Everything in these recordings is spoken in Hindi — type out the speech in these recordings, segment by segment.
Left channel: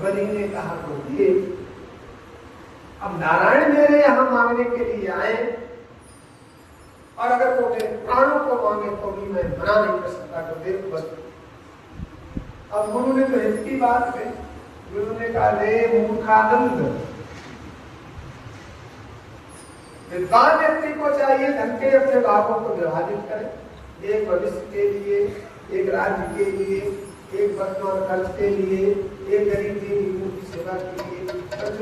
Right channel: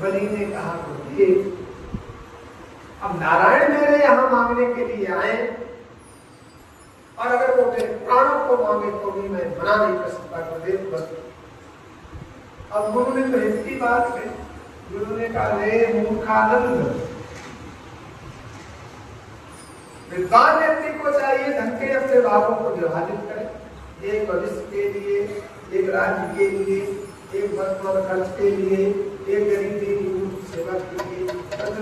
बलि ने कहा बोलिए, अब नारायण मेरे यहाँ मांगने के लिए आए, और अगर वो मेरे प्राणों को मांगे तो भी मैं मना नहीं कर सकता, कर दे बस। अब गुरु ने तो हित की बात है, गुरु ने कहा रे मूर्खानंद, विद्वान व्यक्ति को चाहिए ढंग के अपने भावों को विभाजित करे, एक भविष्य के लिए, एक राज्य के लिए, एक वर्तमान खर्च के लिए, एक गरीब दीदी सेवा के लिए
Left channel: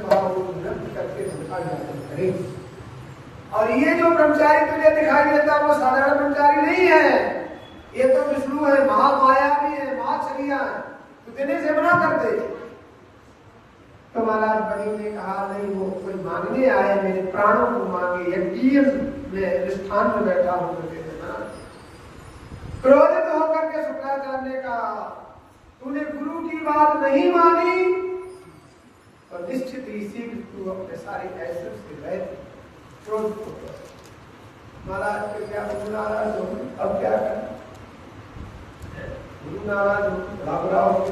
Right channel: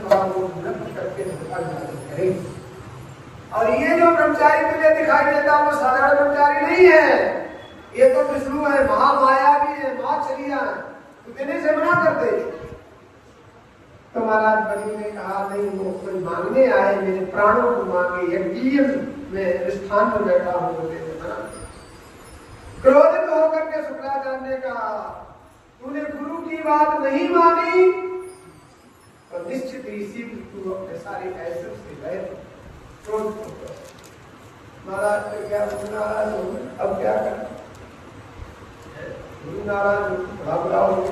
भाव को बुलंद करके करेंगे। और ये जो ब्रह्मचारी तुझे दिखाई देता वो साधारण ब्रह्मचारी नहीं है, ये तो विष्णु है, महामाया भी है, महाचरिया है, तू देने से मना करते। तो महाराज बलि ने कहा नहीं, वो कोई मांगने आए, मेरे प्राणों को मांगे, यज्ञ में स्थान में बैठा हूं तो दे देना। क्रोधित होकर के शुक्राचार्य ने कहा तूने गुरु की बात नहीं मानी तो निश्चित ही शीघ्र तू अपने सारे ऐसे से गए। महाराज फिर क्या, गुरु नाराज हो, अब क्या करें? गुरु नाराज घबरा हो,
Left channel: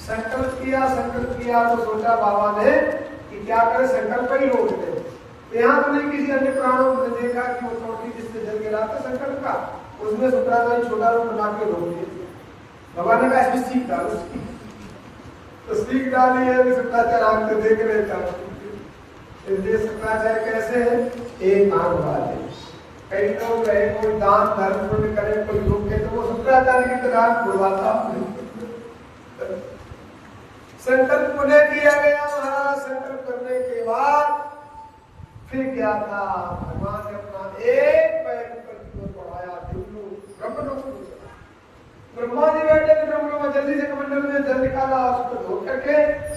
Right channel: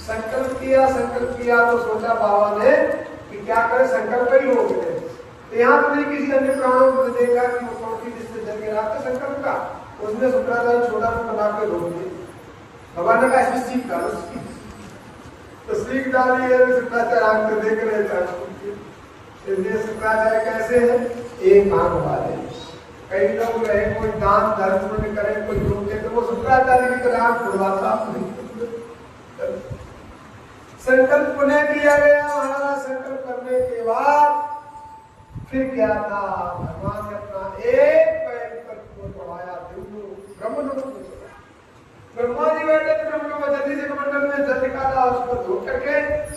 संकल्प किया तो सोचा बाबा ने कि क्या करे, संकल्प ही रोक दे। यहाँ तो नहीं किसी अन्य प्राणों ने देखा कि वो कौन जिससे जल गिरा था संकल्प का, उसने शुक्राचार्य छोटा रूप बना के रोक दिया। भगवान ने कहा इसमें सीख डालो, तो सीख डाली है, शुक्राचार्य आंख से देख रहे थे। ये शुक्राचार्य कैसे है, एक आंख वाले। कई लोग रहे, कोई दान धर्म पुण्य करे, कोई योग के, तो वो शुक्राचार्य की तरह खुलवाता संकल्प पुनः किया गया। महाराज संकल्प करने के बाद फिर क्या था, भगवान ने अपना एक पैर को बढ़ाया, ब्रह्मा जी बैठे थे, ब्रह्मा जल्दी से कमंडल में जल निकाला, उसको धो करके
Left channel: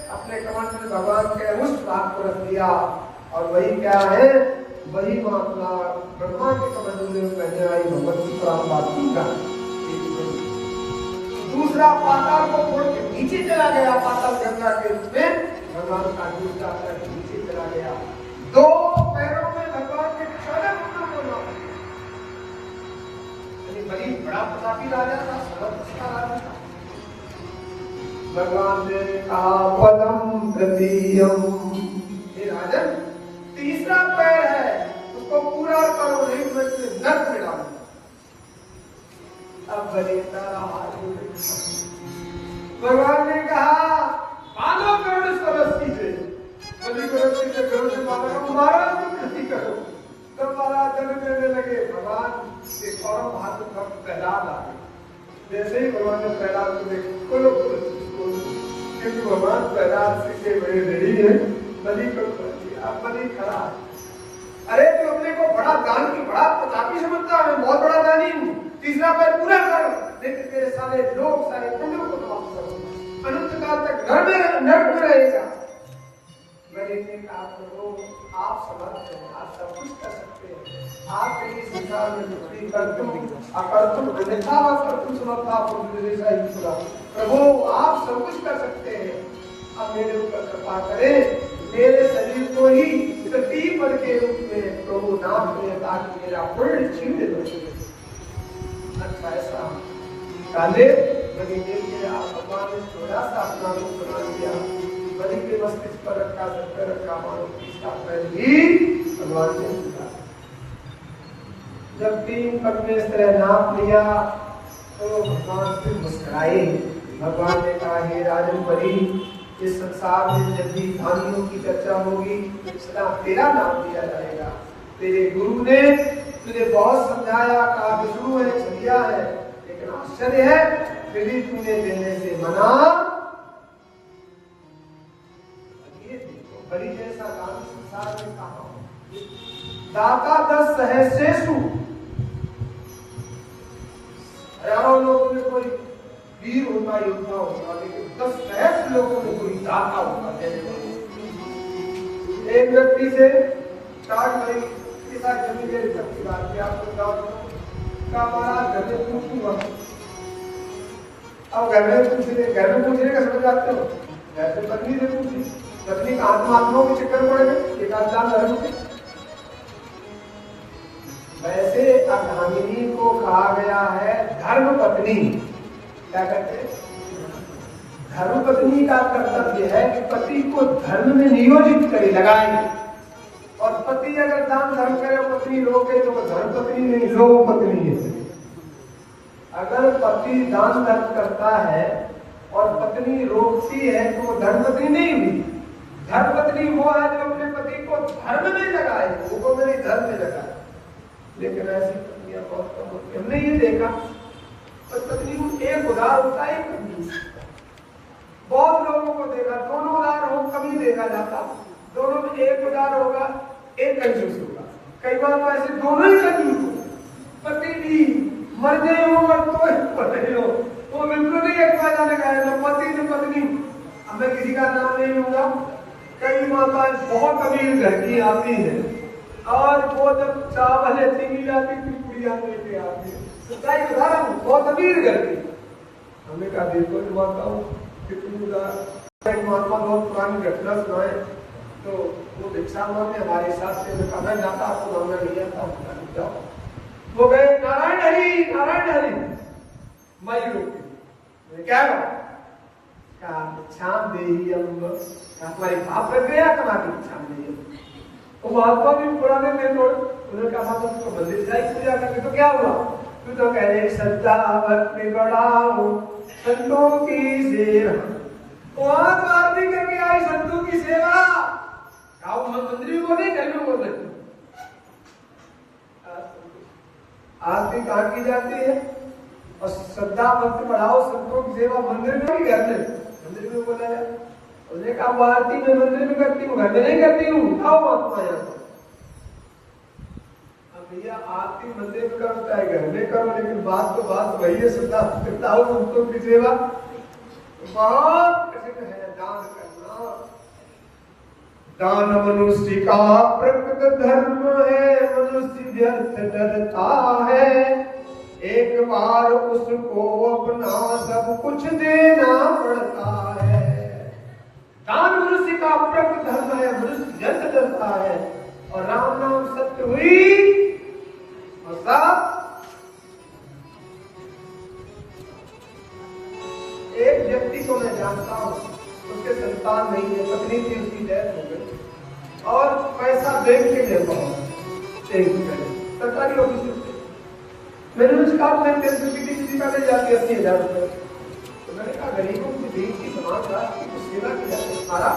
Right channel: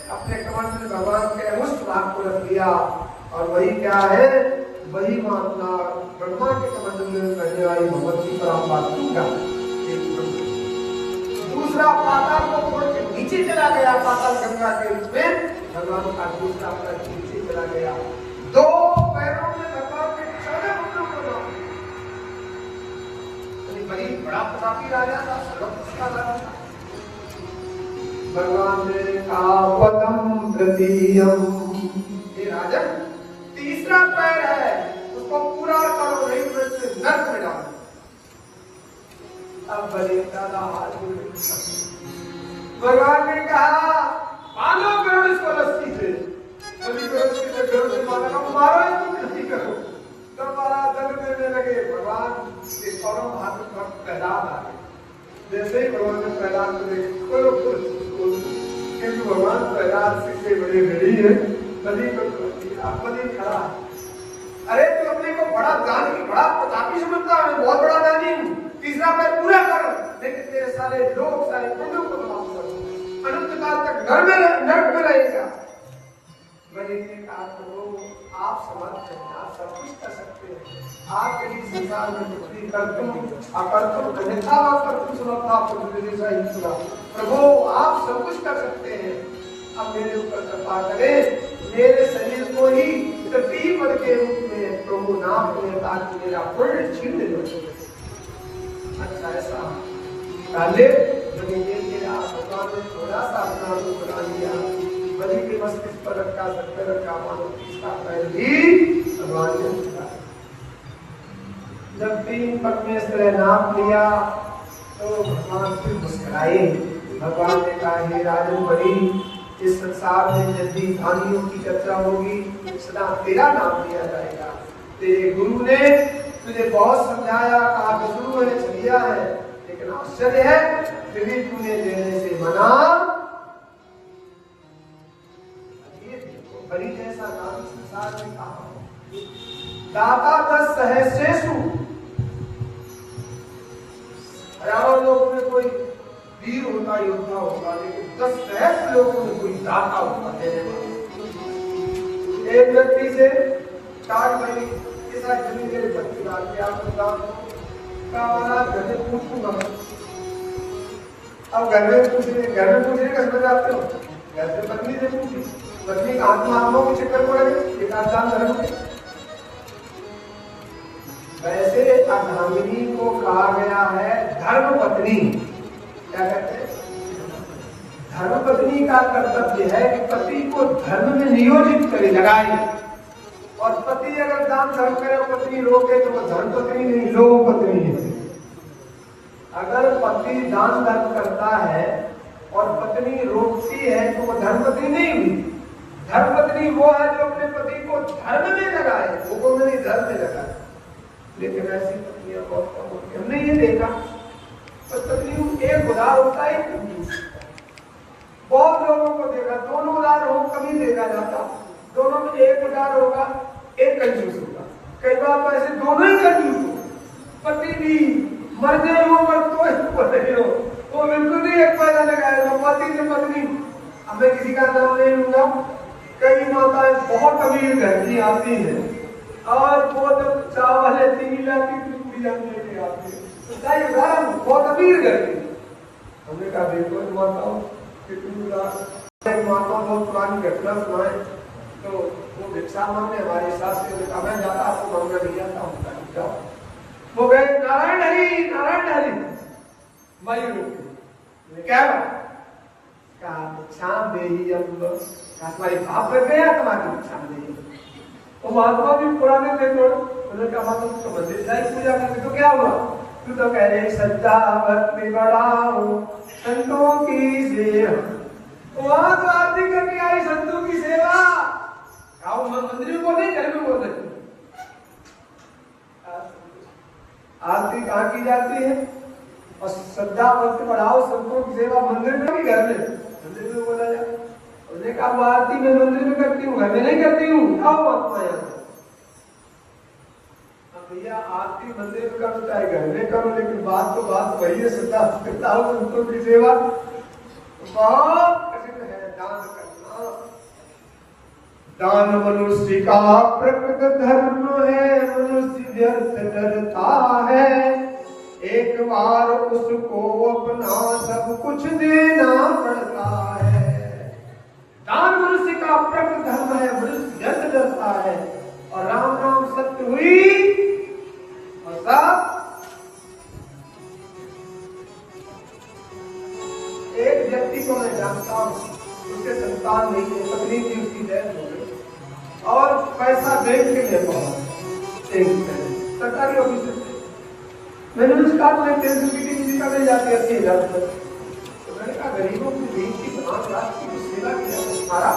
अपने कमंडल में भगवान के अंश भाग को रख दिया। और वही क्या है, वही मामला ब्रह्मा के कमंडल में रहने वाली भगवती परमात्मा का। दूसरा पाताल को छोड़ के नीचे चला गया, पाताल गंगा के रूप में भगवान का दूसरा पैर नीचे चला गया। दो पैरों में भगवान के 14 पुत्र को, बड़ी बड़ा प्रतापी राजा था, सर्वशक्तिमान राजा था। भगवान ने कहा पदम तृतीयम, ये राजन तीसरा पैर है, उसको पूरा करो, नहीं तो इसे नर्क में डालो। अब बलि तारा हाथ जोड़, भगवान ने कहा बांधो करो इसको रस्सी से, बलि को रस्सी से करो से मारो इसको कृषि करो। तब महाराज दंड करने लगे, भगवान के परम हाथ पर प्रहलाद आ गए। जैसे ही भगवान ने प्रहलाद को देखा, क्योंकि भगवान प्रहलाद से बड़े घड़ी है, बलि को बलि खड़ा। अरे तू अपने को बड़ा दान की, बड़ा प्रतापी समझता है, बहुत बड़ा दानी हूँ, तीसरा पैर पूरा कर, लेकिन तेरे सारे लोग सारे पुण्यों को तमाम करो, अनंत काल तक नरक में रहेगा। बलि ने कहा प्रभु आप समर्थ हैं, आप सब कुछ कर सकते हैं, आपके लिए संसार में कुछ कर तुम अकर्तुम अन्यथा व कर्तुम समर्था प्रभु आप सब कुछ कर सकते हैं। अब मेरे ऊपर कृपा करें, मेरे शरीर को ही तृतीय पद के रूप में प्रभु नाम करें, ताकि मेरा पुण्य छीन हो। अच्छा ऐसा काले बलि ने भगवान ने थोड़ा सा अपना रूप बना लिया, बलि के मस्तिष्क पर रखा, सर पर रखा, मानो तीसरा पैर भी भगवान ने उठाया। जब 3 पद में इस तरह नाम लिया तो भगवान फिर मुस्कुराए। भगवान ने कहा हे राजन बलि, इस संसार में जब भी धानियों की चर्चा होगी सदा तेरा नाम लिया जाएगा। तेरे गुरु ने तुझे बहुत समझाया, कहा विष्णु है, छलिया है, लेकिन आश्चर्य है फिर भी तूने देने से मना। बलि जैसा काम संसार में कहा, दाता 10 सहस्रेषु, हजारों लोगों में कोई वीर होता, योद्धा होता, लेकिन 10 सहस्र लोगों में कोई दाता होता है। एक व्यक्ति से स्टार्ट करें के साथ जिंदगी में भक्ति बात के आपको का महाराज घर में पूछूंगा। अब घर में पूछने का समझ आते हो, घर से पत्नी से पूछी, पत्नी का आत्मा के चक्कर पड़ गए, एक आत्मा धर्म के। वैसे अर्धांगिनी को कहा गया है धर्म पत्नी, क्या कहते हैं धर्मपत्नी का कर्तव्य है कि पति को धर्म में नियोजित करे, लगाए। और पति अगर दान धर्म करे, पत्नी रोके, तो वो धर्मपत्नी नहीं, लोक पत्नी है। अगर पति दान धर्म करता है और पत्नी रोकती है, तो वो धर्मपत्नी नहीं हुई। धर्मपत्नी वो है जो अपने पति को धर्म में लगाए, वो नहीं धर्म में लगाए। लेकिन ऐसी पत्नियां बहुत कम होती हैं। हमने ये देखा तो पत्नी एक उदार होता है, एक कंजूस। बहुत लोगों को देखा, दोनों उदार हो कभी देखा जाता, दोनों में एक उदार होगा, एक कंजूस होगा। कई बार तो ऐसे दोनों ही कंजूस हो, पति भी मर्जे हो और तो पत्नी हो, तो बिल्कुल नहीं एक फायदा लगाएगा। पति ने पत्नी, अब मैं किसी का नाम नहीं लूंगा, कई माताएं बहुत अमीर घर की आती है और वो जब चावल लेती नहीं आती, पूरी लेके आती है, तो क्या उदाहरण, बहुत अमीर घर की। हमने कहा देखो माताओं कितनी उदार। एक माता बहुत पुरानी घटना सुनाए, तो वो भिक्षा मांगने हमारे साथ से मैं जाता, आपको मांगना नहीं आता, वो गए नारायण हरि, नारायण हरि। मैं रोके क्या भिक्षा दे ही तुम्हारे भाप रख गया, तुम्हारी भिक्षा दे। वो महात्मा भी पुराने थे थोड़े, उन्होंने कहा माता तुम तो मंदिर जाए पूजा करते, तो क्या हुआ? तू तो कह रहे सच्चा भक्ति बढ़ाओ संतों की सेवा। वहां तो आरती करके आई संतों की सेवा, मंदिर में बोल नहीं, घर में बोल रही। आरती कहाँ की जाती है? और श्रद्धा भक्ति बढ़ाओ संतों की सेवा मंदिर में भी, घर में, मंदिर में बोला जाए। उन्होंने कहा वो आरती में मंदिर में करती हूँ, घर में नहीं करती हूँ। आओ महात्मा यहाँ भैया, आरती मंदिर में करो चाहे घर में करो, लेकिन बात तो बात वही है, श्रद्धा करता हूँ संतों की सेवा। बहुत कठिन है दान करना। दान मनुष्य का प्रकृत धर्म है, मनुष्य व्यर्थ करता है, एक बार उसको अपना सब कुछ देना पड़ता है। दान मनुष्य का प्रकृत धर्म है, मनुष्य व्यर्थ करता है। और राम नाम सत्य हुई और सब। एक व्यक्ति को मैं जानता हूं, उसके संतान नहीं है, पत्नी थी, उसकी डेथ हो गई और पैसा बैंक के लेता हूं सरकारी ऑफिस से। मैंने उसका किसी का मिल जाती है 80,000 रुपये। तो मैंने कहा गरीबों की देश की समाज राष्ट्र की सेवा किया हमारा,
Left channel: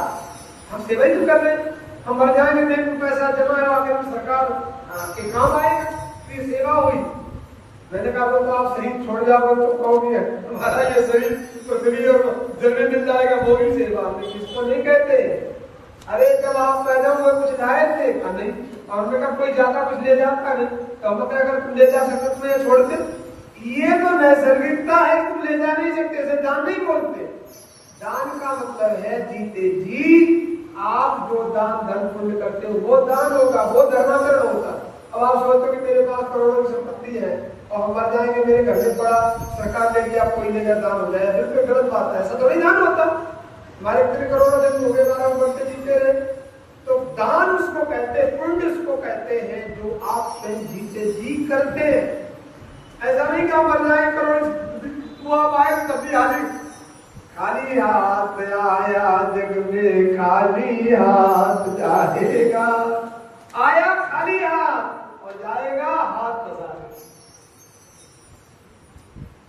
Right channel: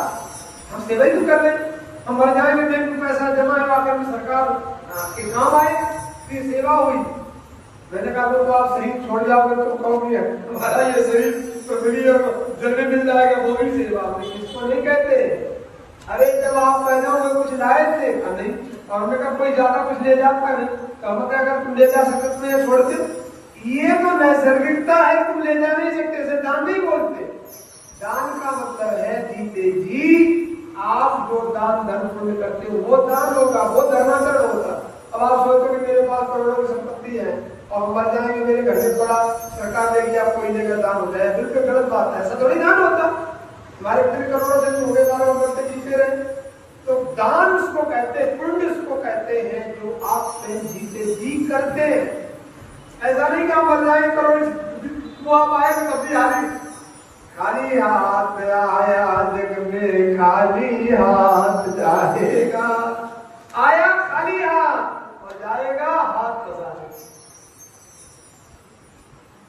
हम सेवा ही कर रहे हैं। हम मर जाएंगे बैंक में पैसा जमा हुआ कर सरकार के काम आए, ये सेवा हुई। मैंने कहा वो तो आप शरीर छोड़ जाओगे तो कहोगे हमारा ये शरीर तो जमीन मिल जाएगा, वो भी सेवा, इसको नहीं कहते। अरे जब आप पैदा हुए कुछ लाए थे नहीं, और हमने कहा कोई ज्यादा कुछ ले जाता नहीं, तो हम कहा तुम ले जा सकते हैं छोड़ दे, ये तो नैसर्गिकता है, तुम ले जा नहीं सकते, इसे दान नहीं बोलते। दान का मतलब है जीते जी आप जो दान धर्म पुण्य करते हो वो दान होगा, वो धर्मांतरण होगा। अब आप सोचो कि मेरे पास करोड़ों की संपत्ति है और मर जाएंगे, मेरे घर में बड़ा सरकार देगी आपको ये जगह दान हो जाए, बिल्कुल गलत बात है, ऐसा थोड़ी दान होता। हमारे इतने करोड़ों दिन हो गए, 12 वर्ष से जीते रहे। तो दान उसको कहते हैं, पुण्य उसको कहते हैं जो आप जीते जी करते हैं। ऐसा नहीं कि आप मर जाए करोड़ आप आए तो तब भी हारी, खाली हाथ आया जग में खाली हाथ जाएगा, आया खाली हाथ और जाएगा हाथ बजाए।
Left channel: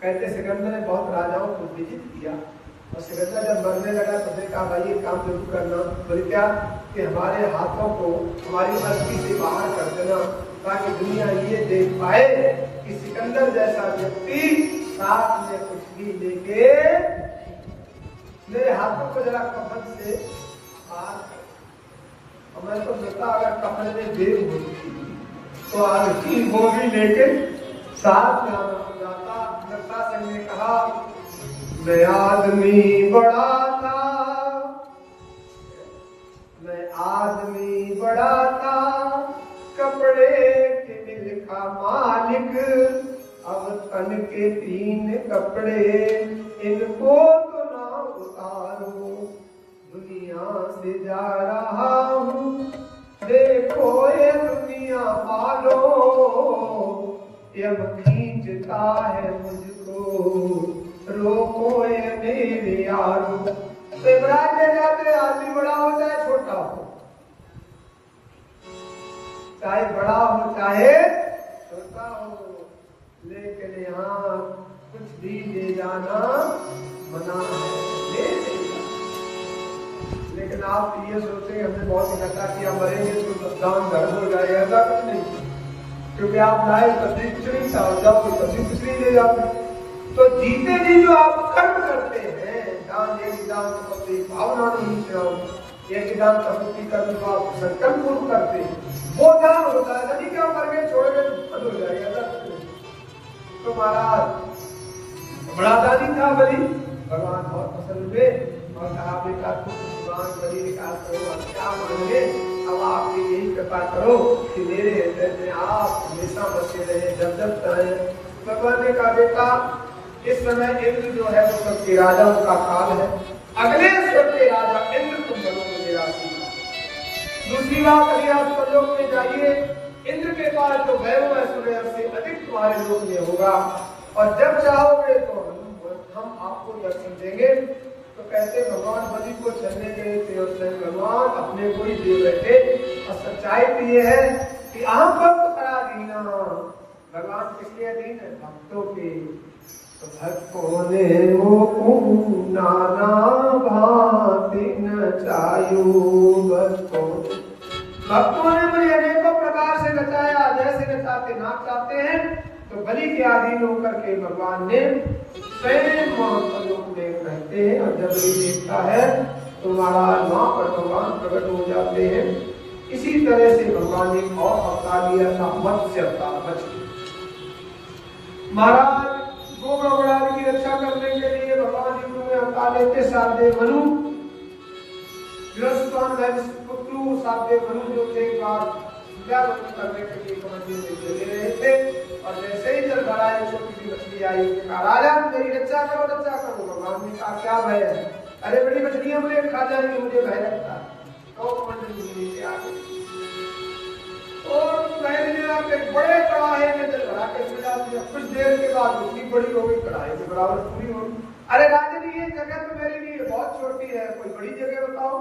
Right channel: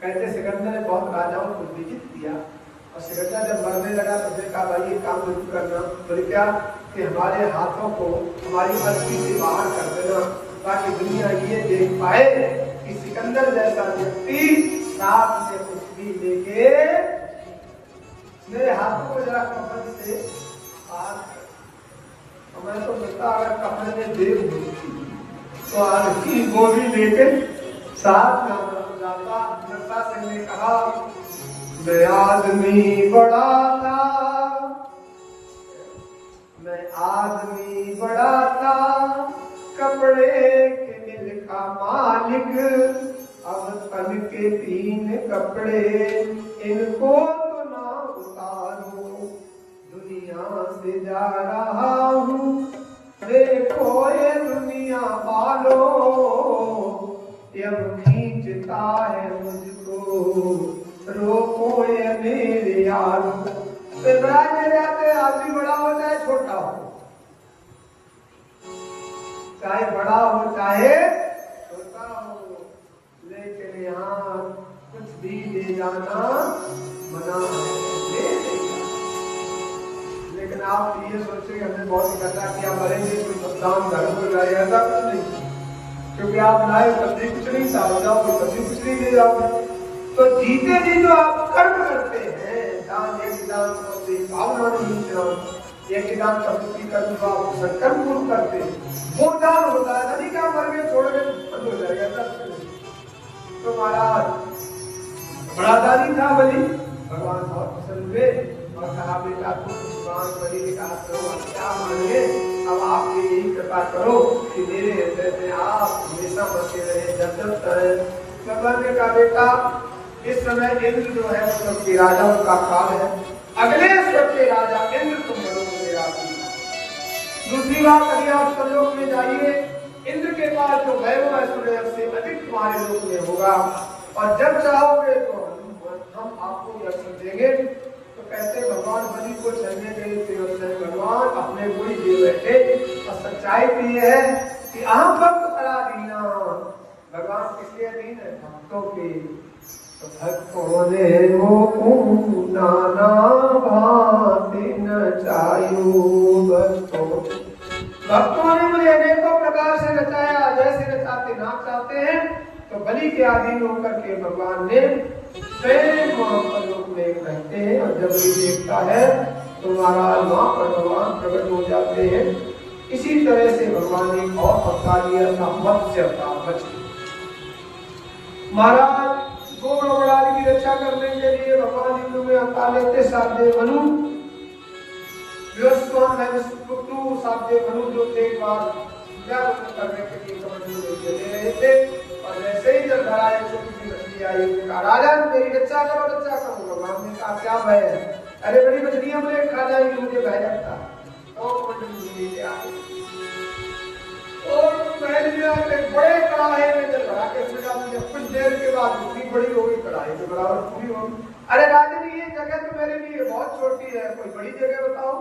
कहते सिकंदर ने बहुत राजाओं को विजित किया और सिकंदर जब मरने लगा तो फिर कहा भाई ये काम जरूर करना। बोले क्या? कि हमारे हाथों को हमारी अर्थी से बाहर कर देना, ताकि दुनिया ये देख पाए कि सिकंदर जैसा व्यक्ति साथ में कुछ भी लेके मेरे हाथों को जरा कपड़े से पार कर। और मैं तो कहता अगर कपड़े में देर होती तो आज की बोरी लेके साथ में जाता। सिंह ने कहा मैं आदमी बड़ा था, मैं आदमी बड़ा था, कपड़े के दिल का मालिक, अब तन के 3 कपड़े इनको तो ना उतारो, दुनिया से जा रहा हूँ, देखो ये दुनिया पालो, यम खींचता है मुझको, रोको ये मेरे आलू। तो इमरान के जाते आदमी बड़ा हो चाहे छोटा हो, चाहे बड़ा हो चाहे छोटा हो, लेकिन यहाँ कुछ भी ले जाना मना है। लेकिन आप ये सोचते हमने बहुत इकट्ठा किया, मरेंगे तो दान धर्म हो जाएगा, ऐसा कुछ नहीं। क्योंकि आप लाए सब्जी कुछ नहीं था, जाओगे सब्जी कुछ नहीं ले जाओगे। तो जीते जी जो आप कर्म करते हैं, दान एक दान सबकी भावना नहीं जाओ, एक दान सबकी का जो आप संकल्प पूर्ण करते हैं वो दान होता है। नदी का मर गए छोड़ गए बंद हो जाएगा। तो महाराज बड़ा दादी था बलि, भगवान बहुत पसंद हुए और कहा बेटा कुछ भगवान बलि क्या मानेंगे, अब आप यही कृपा करो कि मेरे हृदय में आप हमेशा बसे रहे, जब तक रहे। भगवान ने कहा बेटा इस समय इंद्र जो है वो सबके राजाओं का काल है, अगले सबके राजा इंद्र तुम बनोगे मेरा। दूसरी बात अभी आप प्रलोक में जाइए, इंद्र के पास जो वैभव है से अधिक तुम्हारे लोक में होगा, और जब चाहोगे तो हम आपको दर्शन देंगे। तो कहते भगवान बलि को चलने के लिए भगवान अपने गुरु दे बैठे, और सच्चाई भी है कि आम पर तो करा दीना। भगवान किसके अधीन है? भक्तों के। तो भक्तों ने वो नाना भांति न चायु, भक्तों ने मुझे अनेकों प्रकार से रचाया, जैसे रचाते ना चाहते हैं। तो बलि के अधीन होकर के भगवान ने स्वयं महाप्रलोक में रहते हैं, और जब ये देखता है तो महाराज वहां पर भगवान प्रकट हो जाते हैं। इसी तरह से भगवान ने और अवतार लिया था, मत्स्य अवतार। महाराज दो ब्रह्मणादि की रक्षा करने के लिए भगवान हिंदू में अवतार लेते। साधे मनु पुत्रु साधे मनु जो थे एक बार करने के लिए समझ थे, और वैसे ही जब भराए छोटी सी मछली आई, कहा राजा मेरी रक्षा करो रक्षा करो। भगवान ने कहा क्या भय है? अरे बड़ी मछलियां मुझे खा जाएंगी, मुझे भय लगता है। तो मंडली लेके आ गई और पहले आप एक बड़े कढ़ाई में जल भरा के सजा दिया। कुछ देर के बाद उतनी बड़ी होगी कढ़ाई के बराबर पूरी होगी। अरे राजा जी ये जगह तो मेरे लिए बहुत छोटी है, कोई बड़ी जगह बताओ।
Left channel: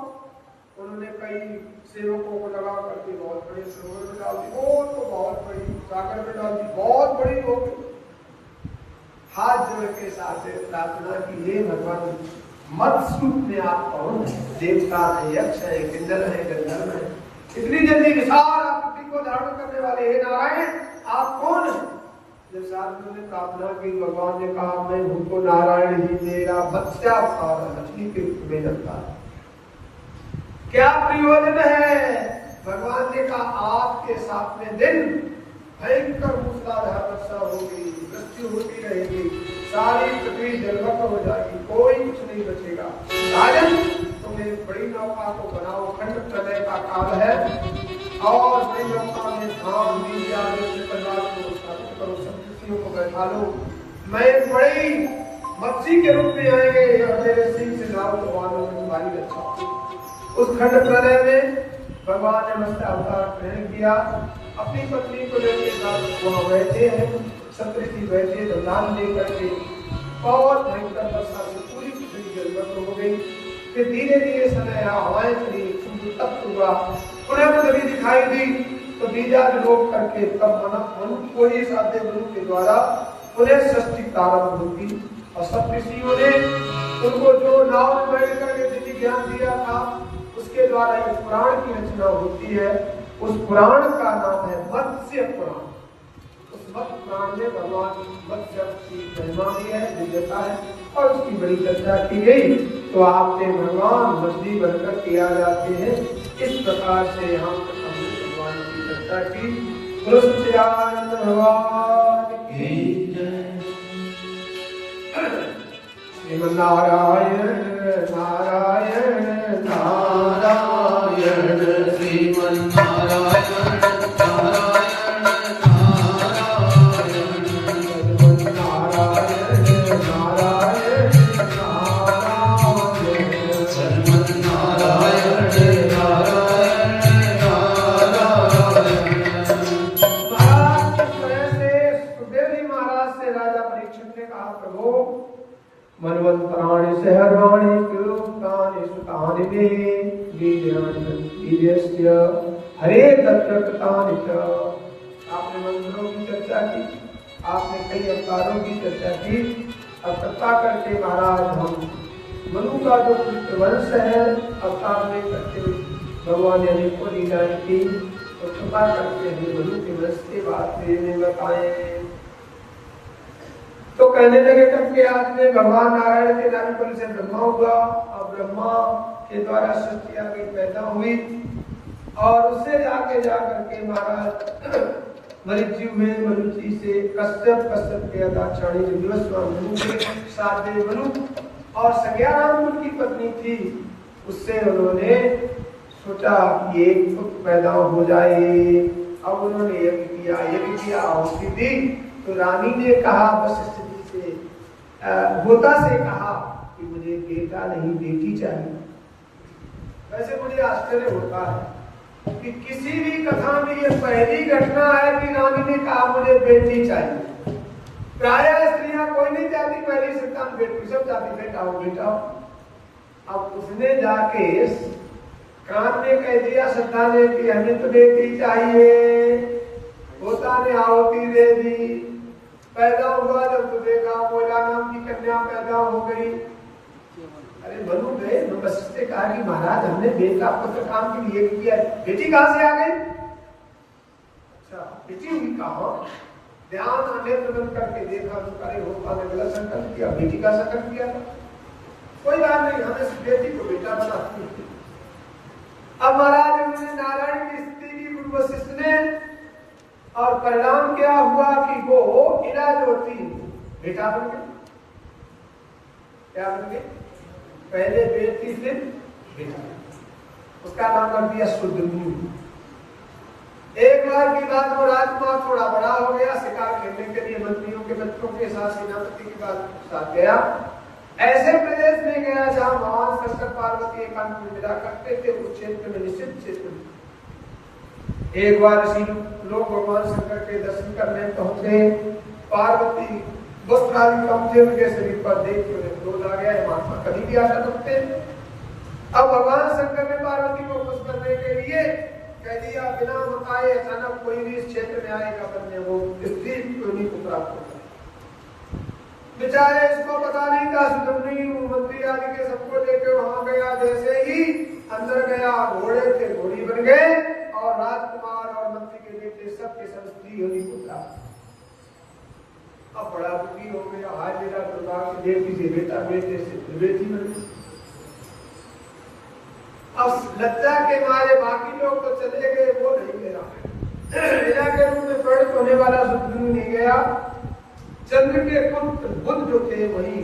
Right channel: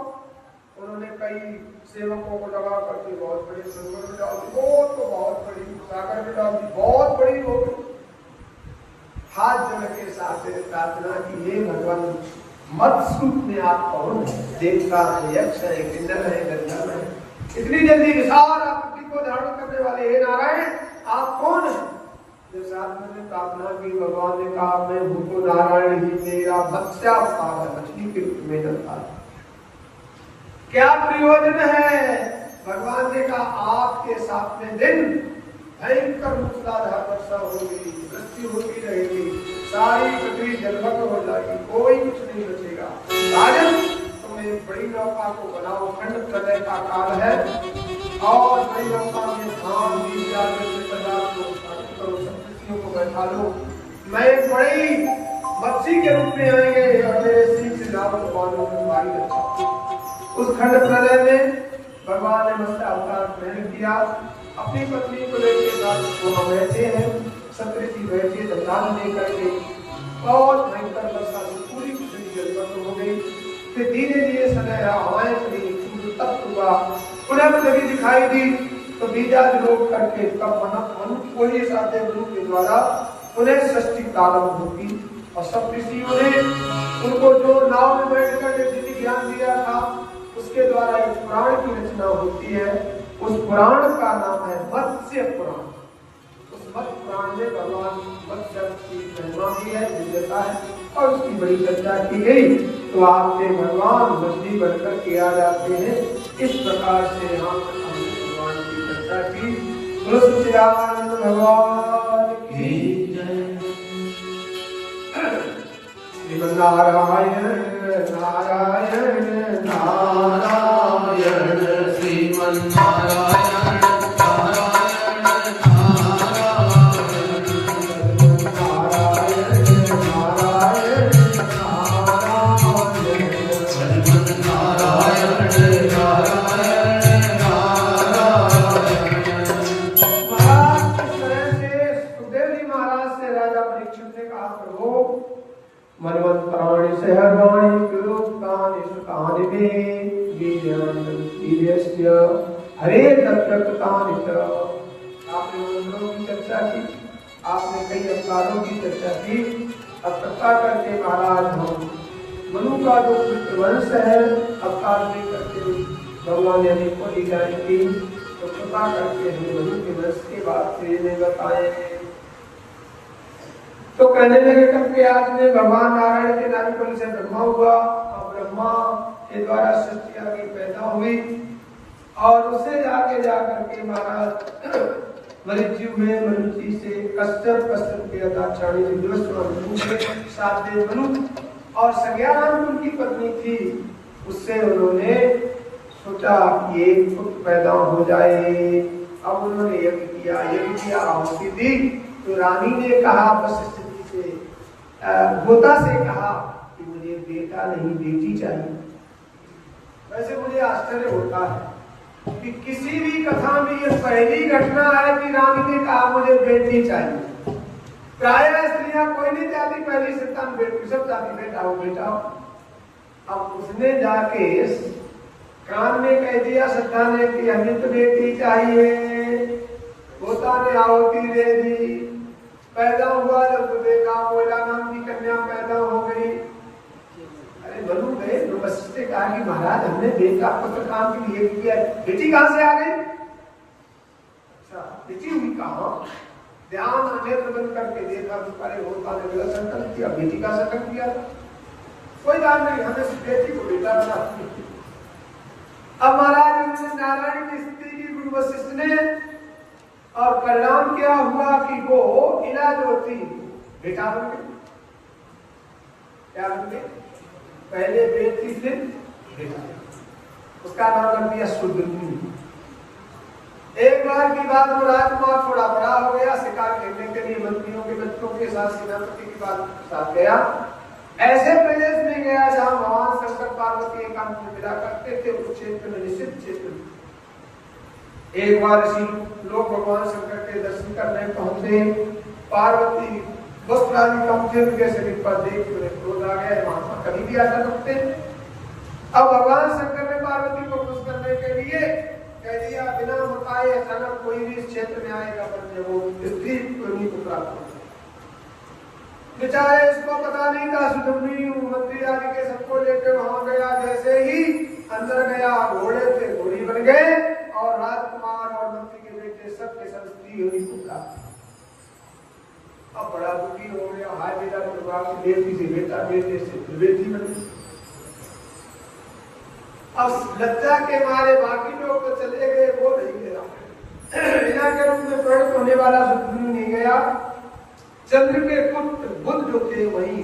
उन्होंने कई सेवकों को लगा करके बहुत बड़े सरोवर में डाल दी, तो बहुत बड़ी सागर में डाल दी, बहुत बड़ी होगी। हाथ जल के साथ प्रार्थना की, हे भगवान मत्स्य में आप कौन है? देवता है, यक्ष है, किन्नर है, गंधर्व है, इतनी जल्दी विशाल आकृति को धारण करने वाले हे नारायण आप कौन है? जैसे आदमी ने प्रार्थना की, भगवान ने कहा मैं भूतो नारायण ही मेरा मत्स्यावतार है, मछली के रूप में अवतार। क्या प्रयोजन है? भगवान ने कहा आपके साथ में दिन भयंकर मूसलाधार वर्षा होगी, वृष्टि होती रहेगी, सारी पृथ्वी जलमग्न हो जाएगी, कोई कुछ नहीं बचेगा। राजन तुम इस बड़ी नौका को बनाओ, खंड प्रलय का काल है, और बड़ी नौका में धान बीज करो, सब्जियों को बैठा लो। मैं बड़ी मत्स्य के रूप में आएंगे और मेरे सिंह से नाव को बांधो, तुम्हारी रक्षा। उस खंड प्रलय में भगवान ने मत्स्य अवतार ग्रहण किया, अपनी पत्नी को लेकर साथ वहां बैठे हैं, सप्तऋषि बैठे बलिदान देकर के, और भयंकर वर्षा से पूरी पृथ्वी जलमग्न हो गई। फिर धीरे धीरे समय हवाएं चली, सूर्य तप्त हुआ, पुनः पृथ्वी दिखाई दी। तो बीजारोप करके तब मनुष्य को ही साधे गुरु के द्वारा पुनः सृष्टि प्रारंभ होती, और सब ऋषियों ने उनको जो नाव में बैठ कर ज्ञान दिया था उसके द्वारा एक पुराण की रचना होती है। उस पुराण का नाम है मत्स्य पुराण। उस मत्स्य पुराण में भगवान मत्स्य की महिमा भी है, दिव्यता है, और उसकी बड़ी चर्चा की गई। तो आपके भगवान मछली बनकर के आ जाते हैं। इस प्रकार से यहाँ भगवान की चर्चा की। भगवान की नारायण नारायण नारायण श्रीमन नारायण मनवंतराणि से मानिने लीज्ञस्य हरे तत्प्रकृतानित। आपने मंत्रों की चर्चा की, आपने कई अवतारों की चर्चा की। अब कृपा करके महाराज हम मनु का जो वंश है अवतार में करके भगवान यानी को लीला की, तो कृपा करके हमें मनु के वंश के बाद में बताए। तो कहने लगे करके आपने भगवान नारायण के नाम पर से ब्रह्मा हुआ, और ब्रह्मा के द्वारा सृष्टि आगे पैदा हुई, और उससे आगे जा करके महाराज मरीचि हुए, मरीचि से कश्यप, कश्यप के दाक्षायणी मनु के सातवें मनु, और संज्ञानाम उनकी पत्नी थी। उससे उन्होंने सोचा कि एक पुत्र पैदा हो जाए। अब उन्होंने यज्ञ किया, आहुति दी। तो रानी ने कहा वशिष्ठ जी से, होता से कहा कि मुझे बेटा नहीं बेटी चाहिए। वैसे मुझे आश्चर्य होता है कि किसी भी कथा में ये पहली घटना है कि रानी ने कहा मुझे बेटी चाहिए। प्राय स्त्रियां कोई नहीं चाहती पहली संतान बेटी, सब चाहती बेटा हो बेटा। अब उसने जाके कान में कह दिया सत्ता ने कि हमें तो बेटी चाहिए। होता ने आहुति दे दी, पैदा हुआ जब देखा मोला नाम की कन्या पैदा हो गई। अरे मनु गए वशिष्ठ ने कहा कि महाराज हमने बेटा पुत्र काम के लिए किया, बेटी कहां से आ गई? अच्छा बेटी हुई कहा? ध्यान नेत्र बंद करके देखा तो अरे होता ने गलत संकल्प किया, बेटी का संकल्प किया। कोई बात नहीं, हमें सिर्फ बेटी को बेटा बना। अब महाराज उन्होंने नारायण की स्त्री की गुरु वशिष्ठ ने, और परिणाम क्या हुआ कि वो इला जो थी बेटा बन गई। क्या बन गई? पहले बेटी फिर बेटा, उसका नाम कर दिया शुद्ध। एक बार की बात में राजकुमार थोड़ा बड़ा हो गया, शिकार खेलने के लिए मंत्रियों के बच्चों के साथ सेनापति के साथ गया। ऐसे प्रदेश में गया जहां भगवान कृष्ण पार्वती एकांत में मिला करते थे, उस क्षेत्र में निषिद्ध क्षेत्र। एक बार इसी लोग भगवान शंकर के दर्शन करने पहुंचे। पार्वती वस्त्रादि कम थे, जैसे पर देख क्रोध आ गया, महात्मा कभी भी आ सकते। अब भगवान शंकर ने पार्वती को खुश करने के लिए कह दिया बिना बताए अचानक कोई भी इस क्षेत्र में आएगा बनने वो स्त्री कोई को प्राप्त होगा। बेचारे इसको पता नहीं था। सुजमनी मंत्री आदि के सबको लेकर वहां गया। जैसे ही अंदर गया घोड़े थे घोड़ी बन गए, और राजकुमार और मंत्री के बेटे सबके सब स्त्री हुई को प्राप्त। अब बड़ा दुखी हो गया। हाथ मेरा परिवार की बेटी से बेटा, बेटे से बेटी बनी। अब लज्जा के मारे बाकी लोग तो चले गए, वो नहीं गया। बिना के रूप में प्रकट होने वाला सुजमनी नहीं गया। चंद्र के पुत्र बुध जो थे वहीं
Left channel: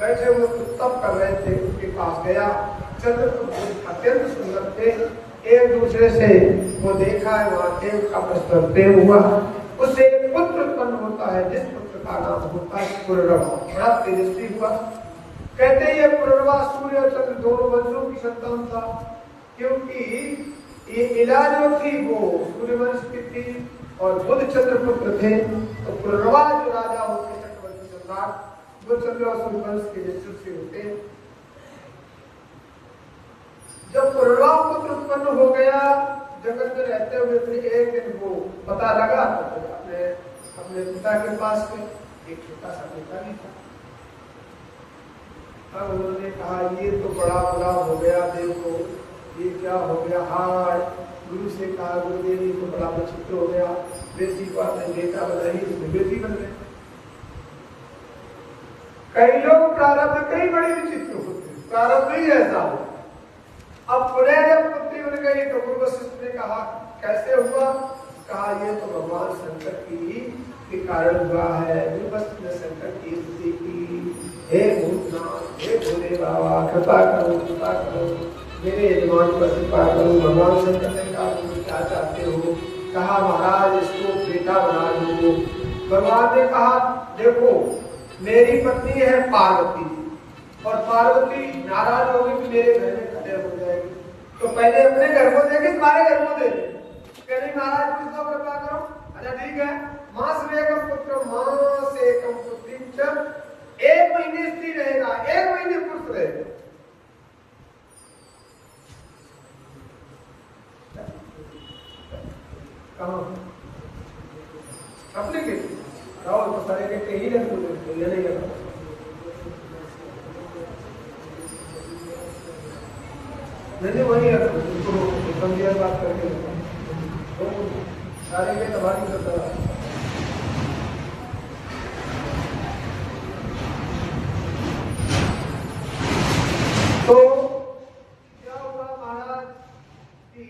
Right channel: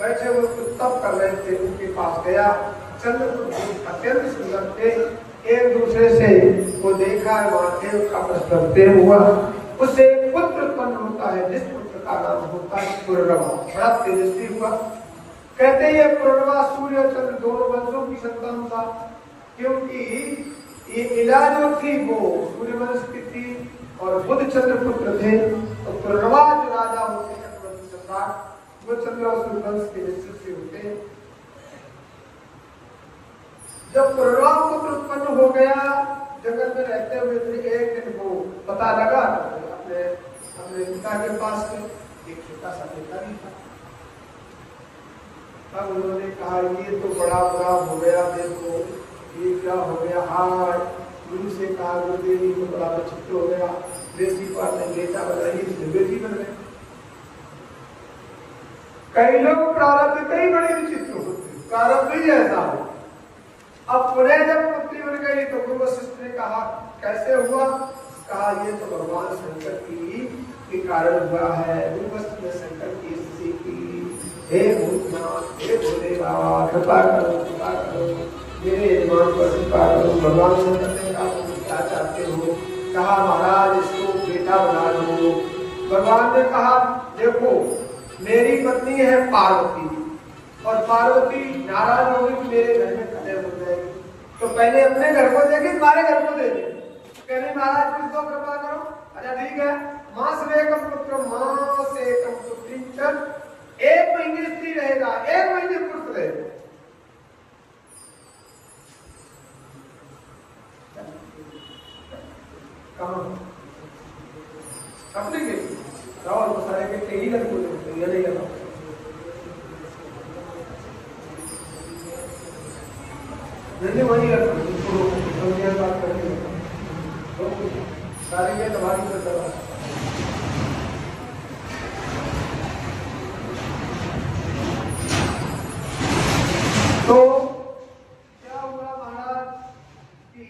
बैठे हुए तप कर रहे थे, उनके पास गया। चंद्र अत्यंत सुंदर थे, एक दूसरे से वो देखा है, वहां थे, उसका प्रश्न प्रेम हुआ। उससे पुत्र उत्पन्न होता है, जिस पुत्र का नाम होता है पुररवा, बड़ा तेजस्वी हुआ। कहते ये पुररवा सूर्य और चंद्र दोनों वंशों की संतान था, क्योंकि ये इला जो थी वो सूर्य वंश की थी और बुध चंद्र पुत्र थे। तो पुररवा जो राजा होते चक्रवर्ती सम्राट, वो चंद्र और सूर्य वंश के निश्चित से होते। जब पुररवा पुत्र उत्पन्न हो गया, जगत में रहते हुए थे, एक दिन वो पता लगा अपने पिता के पास एक छोटा सा बेटा भी था। तब उन्होंने कहा ये तो बड़ा बड़ा हो गया, देखो ये क्या हो गया। हार गुरु से कहा गुरुदेवी को बड़ा विचित्र हो गया, बेटी पर नहीं बेटा बनाई, बेटी बन गई। कई लोग प्रारब्ध कई बड़ी विचित्र होते, प्रारब्ध ही ऐसा हो। अब पुनः जब पुत्री बन गई तो गुरु वशिष्ठ ने कहा कैसे हुआ? कहा ये तो भगवान शंकर की कारण हुआ है। गुरु वशिष्ठ ने शंकर की स्थिति की, हे भूतनाथ, हे भोले बाबा, कृपा करो, कृपा करो, मेरे ईमान पर कृपा करो। भगवान शंकर ने कहा तुम क्या चाहते हो? कहा महाराज इसको बेटा बना दो। भगवान ने कहा देखो मेरी पत्नी है पार्वती, और पार्वती नाराज हो गई, मेरे घर में कलह हो जाएगी, तो पहले अपने घर को देगी, तुम्हारे घर को दे दे। कहने महाराज किसको कृपा करो? अच्छा ठीक है, मां से एकम पुत्र, मां से एकम पुत्री, एक महीने स्त्री रहेगा, एक महीने पुत्र रहेगा। अपने के रावण को सारे के ही लग ये नहीं लगा नहीं वही बात करते सारे ये तुम्हारी करता है। तो क्या हुआ महाराज कि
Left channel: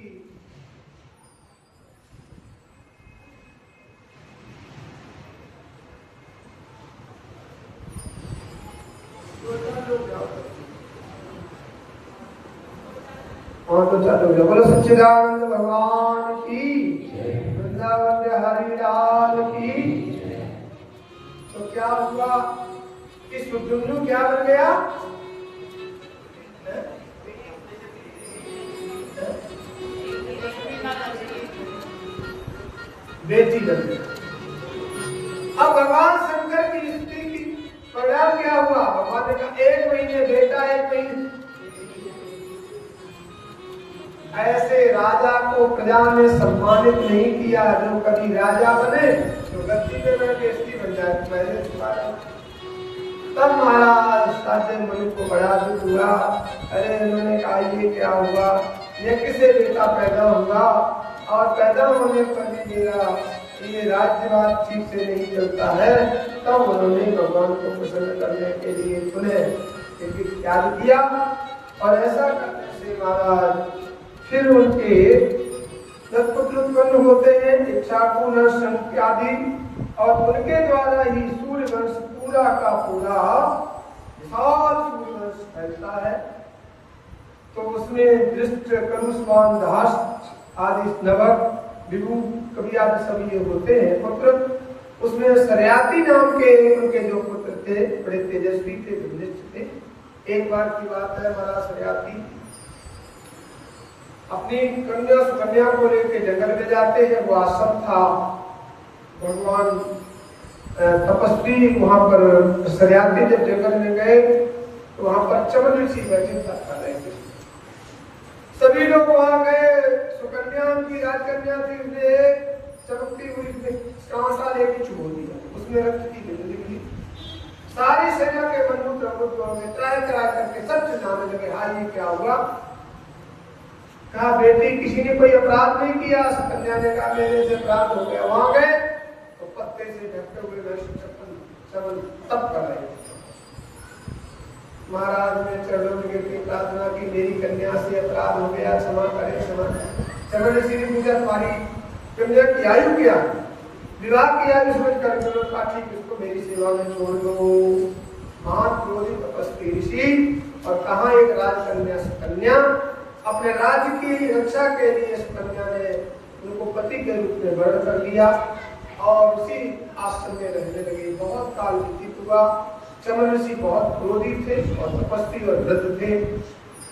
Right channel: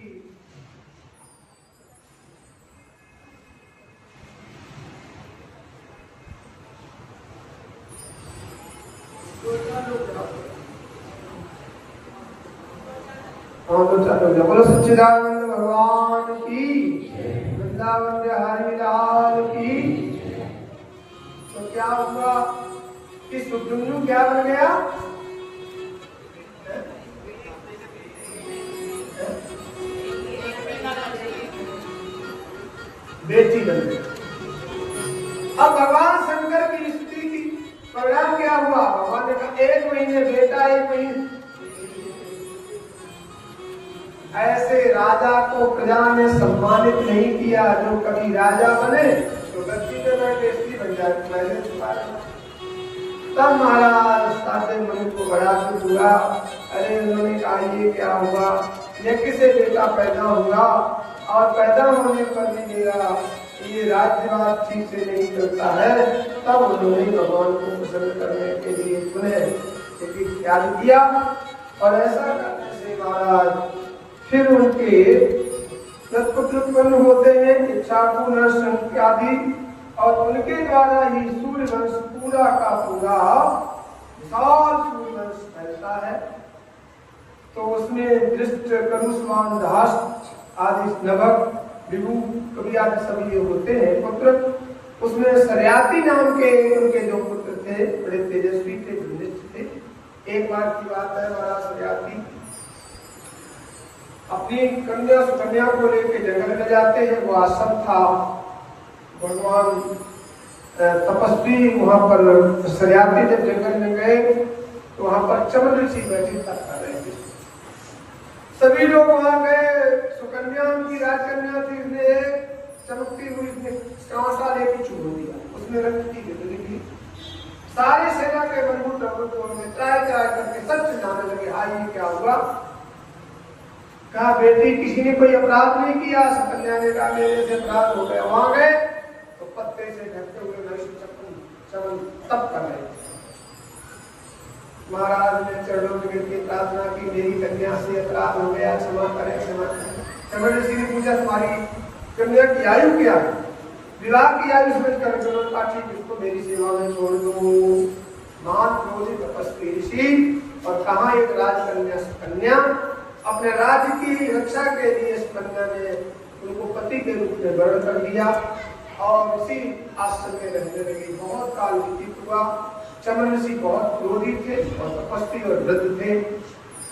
बोलो सच्चिदानंद भगवान की, वृंदावन बिहारी लाल की। तो क्या हुआ कि सुदुन्नु क्या बन गया? बेटी बन गई। अब भगवान शंकर की स्त्री की परिणाम क्या हुआ? भगवान ने कहा 1 महीने बेटा 1 महीने। ऐसे राजा को प्रजा ने सम्मानित नहीं किया। जो कभी राजा बने तो गद्दी पे बैठे स्त्री बन जाए छुपाया। तब महाराज साधे मुनि को बड़ा दुख हुआ। अरे उन्होंने कहा ये क्या हुआ? ये किसे बेटा पैदा हुआ और पैदा होने पर भी मेरा ये राज्यवाद ठीक से नहीं चलता है। तब उन्होंने भगवान को प्रसन्न करने के लिए चुने त्याग किया। और ऐसा करने से महाराज फिर उनके पुत्र उत्पन्न होते हैं, इच्छाकु नरसंख्यादि, और उनके द्वारा ही सूर्य वंश पूरा का पूरा विशाल सूर्य वंश फैलता है। तो उसमें दृष्ट करुष्मान दास आदि नवक विभू कवि आदि सभी ये होते हैं पुत्र। उसमें सरयाती नाम के उनके जो पुत्र थे बड़े तेजस्वी थे, धनिष्ठ थे। एक बार की बात है, महाराज सरयाती अपनी कन्या को लेकर जंगल में जाते हैं। वो आश्रम था, भगवान तपस्वी वहां पर सरयाती जब जंगल में गए तो वहां पर चमन ऋषि बैठे कर रहे थे। सभी लोग वहां गए। सुकन्या की राजकन्या थी, इसलिए चमकती हुई कांसा लेके छोड़ दिया, उसमें रक्त की गिरनी थी। सारी सेना के बंधु प्रभुत्व में त्राय करके सब चिल्लाने लगे, हाँ ये क्या हुआ? कहा बेटी किसी ने कोई अपराध नहीं किया। कन्या ने कहा मेरे से अपराध हो गया। वहां गए तो पत्ते से ढकते हुए चमन तप कर रहे थे। महाराज ने चरणों में गिर के प्रार्थना की, मेरी कन्या से अपराध हो गया, क्षमा करें क्षमा करें। चमन ऋषि ने पूछा तुम्हारी कन्या की आयु क्या है? विवाह की आयु सोच कर उसको मेरी सेवा में छोड़ दो। महान क्रोधित तपस्वी ऋषि और कहा एक राजकन्या कन्या अपने राज्य की रक्षा के लिए इस कन्या ने उनको पति के रूप में वर्ण कर दिया और उसी आश्रम में रहने लगी। बहुत काल व्यतीत हुआ। चमन ऋषि बहुत क्रोधी थे और तपस्वी और वृद्ध थे।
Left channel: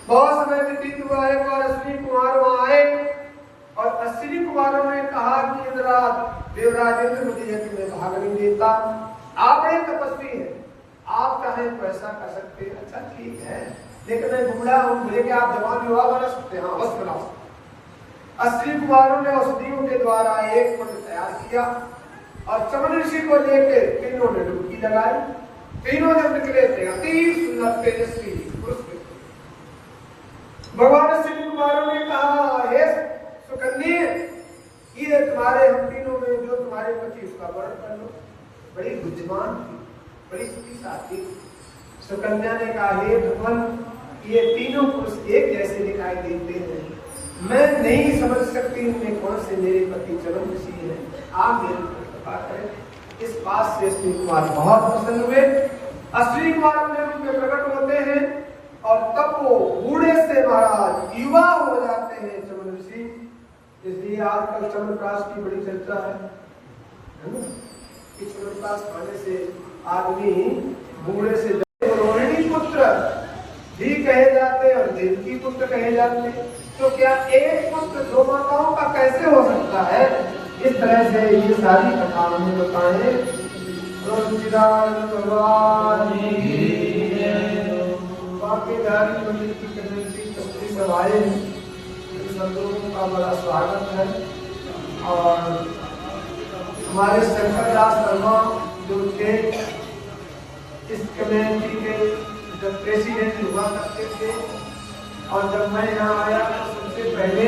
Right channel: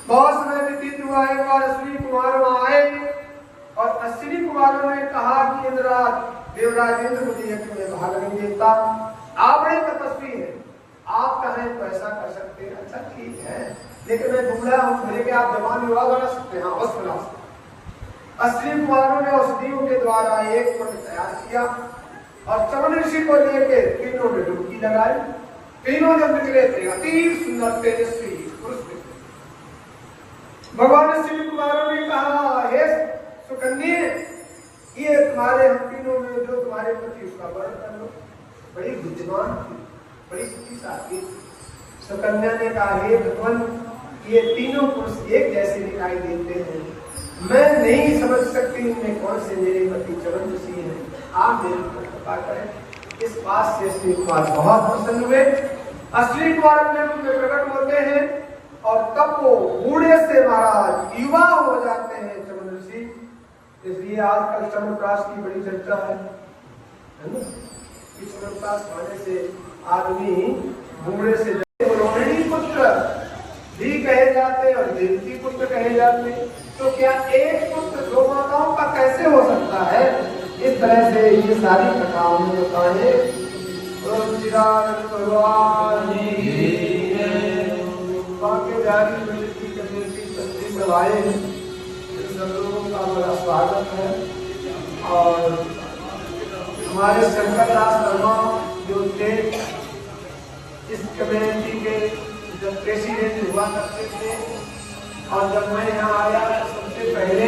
बहुत समय व्यतीत हुआ। एक बार अश्विनी कुमार वहां आए और अश्विनी कुमारों ने कहा कि देवराजेंद्र मुझे यज्ञ में भाग नहीं देता, आप बड़े तपस्वी हैं, आप कहें तो ऐसा कर सकते हैं। अच्छा ठीक है, लेकिन मैं बूढ़ा हूं, मेरे के आप जवान विवाह बना सकते हैं? अवश्य बना सकते। अश्विनी कुमारों ने औषधियों के द्वारा एक कुंड तैयार किया और चमन ऋषि को लेके तीनों ने डुबकी लगाई। तीनों जब निकले थे अति सुंदर तेजस्वी पुरुष थे। भगवान अश्विनी कुमारों ने कहा हे सुकन्या, ये तुम्हारे हम तीनों में जो तुम्हारे पति उसका वर्ण कर लो। बड़ी बुद्धिमान थी, बड़ी शक्तिशाली। सुकन्या ने कहा हे भगवान, ये तीनों पुरुष एक जैसे दिखाई देते हैं, मैं नहीं समझ सकती इनमें कौन से मेरे पति चरण ऋषि हैं, आप मेरे को पता करें। इस बात से अश्विनी कुमार बहुत प्रसन्न हुए। अश्विनी कुमार अपने रूप में प्रकट होते हैं और तब वो बूढ़े से महाराज युवा हो जाते हैं चरण ऋषि। इसलिए आजकल चमनप्राश की बड़ी चर्चा है ना? इस चमनप्राश खाने से आदमी बूढ़े से रोहिणी पुत्र भी कहे जाते और देवकी पुत्र कहे जाते। तो क्या एक पुत्र दो माताओं का कैसे हो सकता है? इस तरह से ये सारी कथा हमने बताए। सब लोगों का बड़ा स्वागत है। और हमारे शंकर दास शर्मा जो थे इस कमेटी के जब प्रेसिडेंट हुआ करते थे, और जब मैं यहाँ आया तो सबसे पहले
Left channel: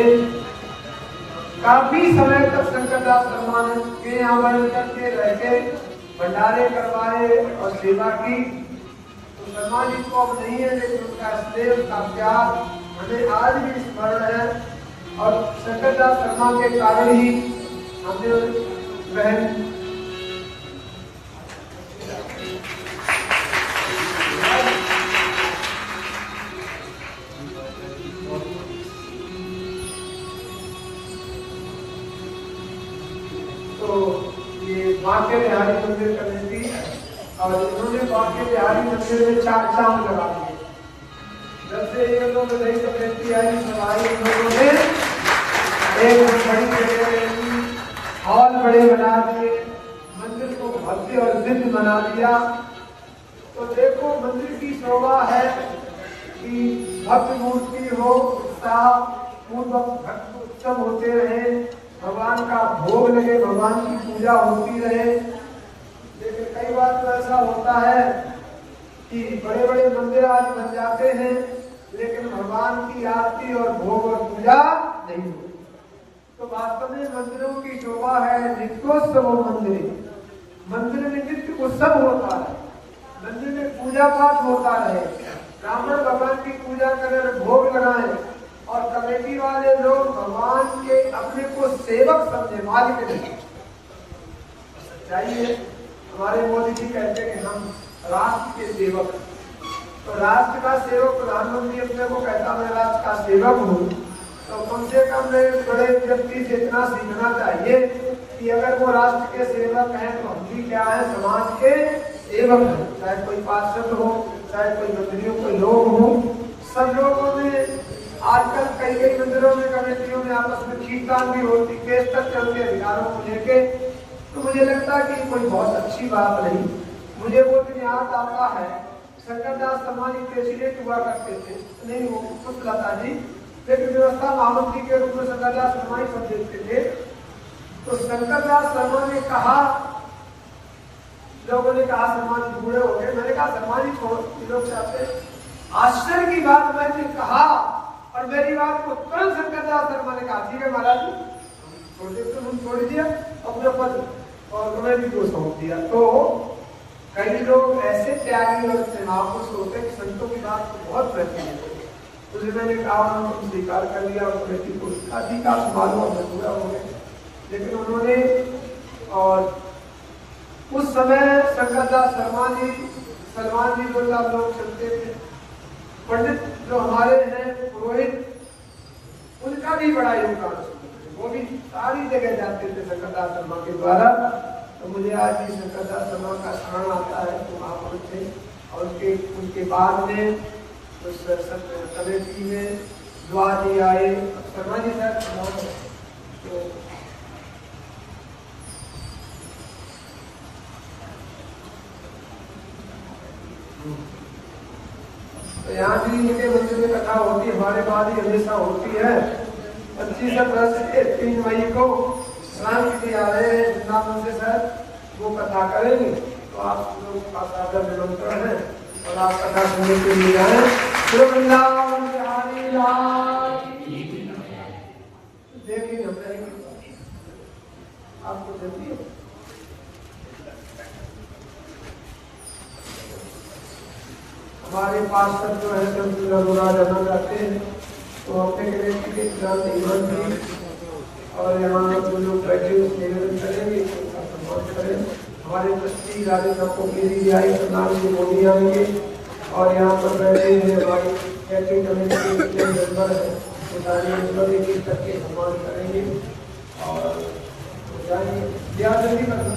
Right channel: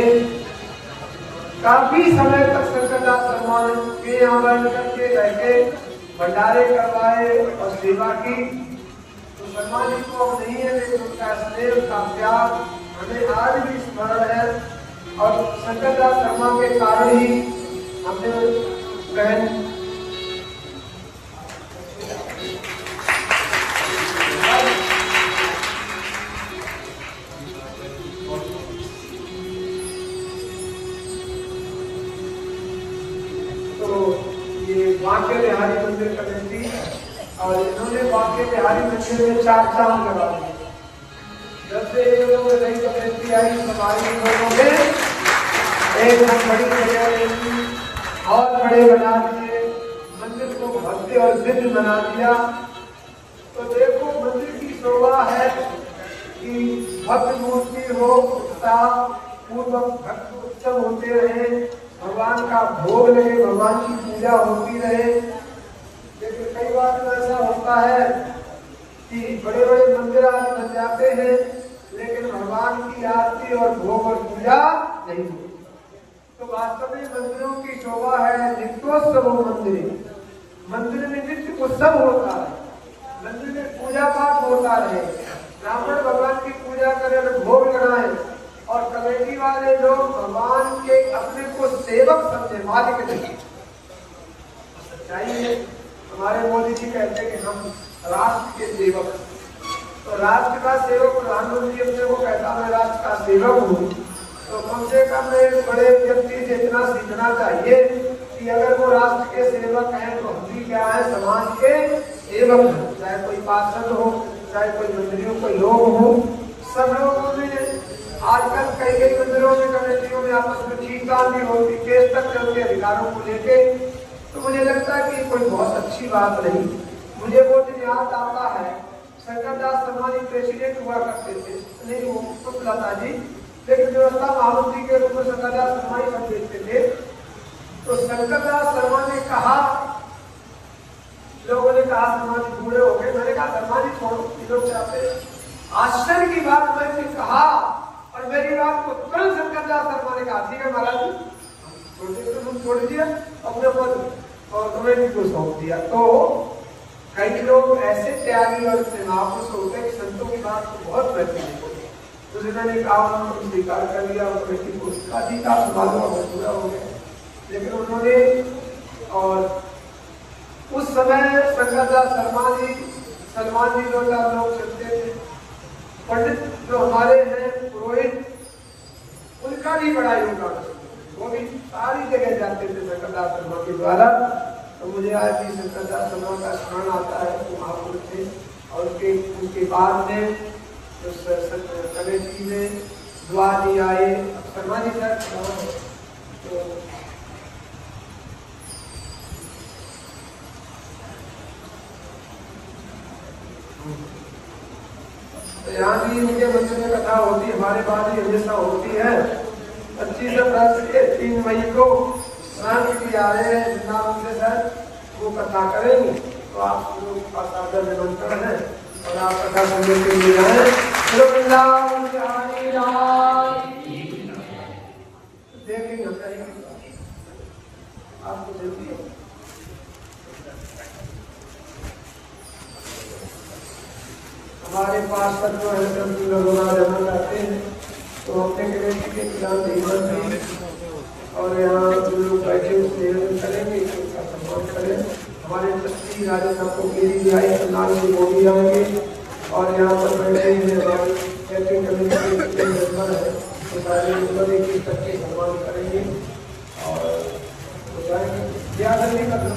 काफी समय तक शंकर दास शर्मा के यहाँ बैठ करके रहते, भंडारे करवाए और सेवा की। तो शर्मा जी को अब नहीं है, लेकिन उनका स्नेह, उनका प्यार हमें आज भी स्मरण है। और शंकर दास शर्मा के कारण ही हमने बहन बांके बिहारी मंदिर कमेटी, और इन्होंने बांके बिहारी मंदिर में 4 चांद लगा दिए। जब से ये लोग नई कमेटी आई, हमारी लोगों ने एक बड़ी जगह हॉल बड़े बना दिए, मंदिर को भव्य और दिव्य बना दिया। तो देखो मंदिर की शोभा है कि भव्य मूर्ति हो, उत्साह पूर्वक भक्त उत्सव होते रहे, भगवान का भोग लगे, भगवान की पूजा होती रहे। लेकिन कई बार तो ऐसा होता है कि बड़े बड़े मंदिर आज बन जाते हैं, लेकिन भगवान की आरती और भोग और पूजा नहीं होती। तो वास्तव में मंदिरों की शोभा है नित्योत्सव मंदिर। मंदिर में नित्य उत्सव होता है, मंदिर में पूजा पाठ होता रहे, ब्राह्मण भगवान की पूजा करें, भोग लगाए, और कमेटी वाले लोग भगवान के अपने को सेवक समझे, मालिक नहीं। चाहिए हमारे मोदी जी कहते हैं कि हम राष्ट्र के सेवक, तो राष्ट्र का सेवक प्रधानमंत्री अपने को कहता मैं राष्ट्र का सेवक हूँ, तो कम से कम एक बड़े व्यक्ति से इतना सीखना चाहिए कि अगर वो राष्ट्र के सेवक हैं तो हम भी क्या है, समाज के सेवक हैं। चाहे कोई पार्षद हो, चाहे कोई मंत्री हो, कोई लोग हो, सब लोगों में आजकल कई मंदिरों में कमेटियों में आपस में खींचतान भी होती, केस तक चलते अधिकारों को लेके। तो मुझे लगता है कि कोई बहुत अच्छी बात नहीं। मुझे वो दिन याद आता है, शंकर दास शर्मा जी प्रेसिडेंट हुआ करते थे, नहीं वो कुछ लता जी, लेकिन व्यवस्था महामंत्री के रूप में शंकर दास शर्मा जी सब देखते थे। तो शंकर दास शर्मा ने कहा, लोगों ने कहा शर्मा जी बूढ़े हो गए, मैंने कहा शर्मा जी छोड़ लोग चाहते। आश्चर्य की बात मैंने कहा और मेरी बात को तुरंत शंकर दास शर्मा ने कहा ठीक है महाराज जी, छोड़ दिया अपने पद और कमेटी को सौंप दिया। तो कई लोग ऐसे त्यागी और महापुरुष होते हैं, संतों की बात को बहुत रहती है। तो मैंने कहा स्वीकार कर लिया और कमेटी को उसका ठीक आप मालूम पूरा हो गया। लेकिन उन्होंने, और उस समय शंकर दास शर्मा जी, सलमान जी लोग चलते थे, पंडित जो हमारे हैं पुरोहित, उनका भी बड़ा योगदान, वो भी सारी जगह जाते थे शंकर दास शर्मा के द्वारा। तो मुझे आज भी शंकर दास शर्मा का स्मरण आता है तो महापुरुष थे। और उनके बाद में उस कमेटी में दुआ जी आए, शर्मा जी यहाँ भी इनके मंदिर में कथा होती, हमारे बाद ही हमेशा होती है। 25 अप्रैल के 3 मई को स्नान की आ रहे हैं वृंदावन से सर, वो कथा करेंगे। तो आप लोगों का सादर निमंत्रण है और आप कथा सुनने के लिए आए। वृंदावन देखेंगे आपको जल्दी है। हमारे पास सब जो है जब रघुना जमा जाते हैं तो अपने कमेटी के खिलाफ ईमान दी, और यहाँ जो लोग बैठे निवेदन करेंगे उनका सम्मान करें। हमारे ट्रस्टी राजेंद्र को भी आए, नाम से वो भी आएंगे, और यहाँ पर बैठे हैं हमारे कैटरिंग कमेटी के मेंबर है, तो सारे मेंबर एक एक करके सम्मान करेंगे और जाएंगे। ध्यान नहीं करना।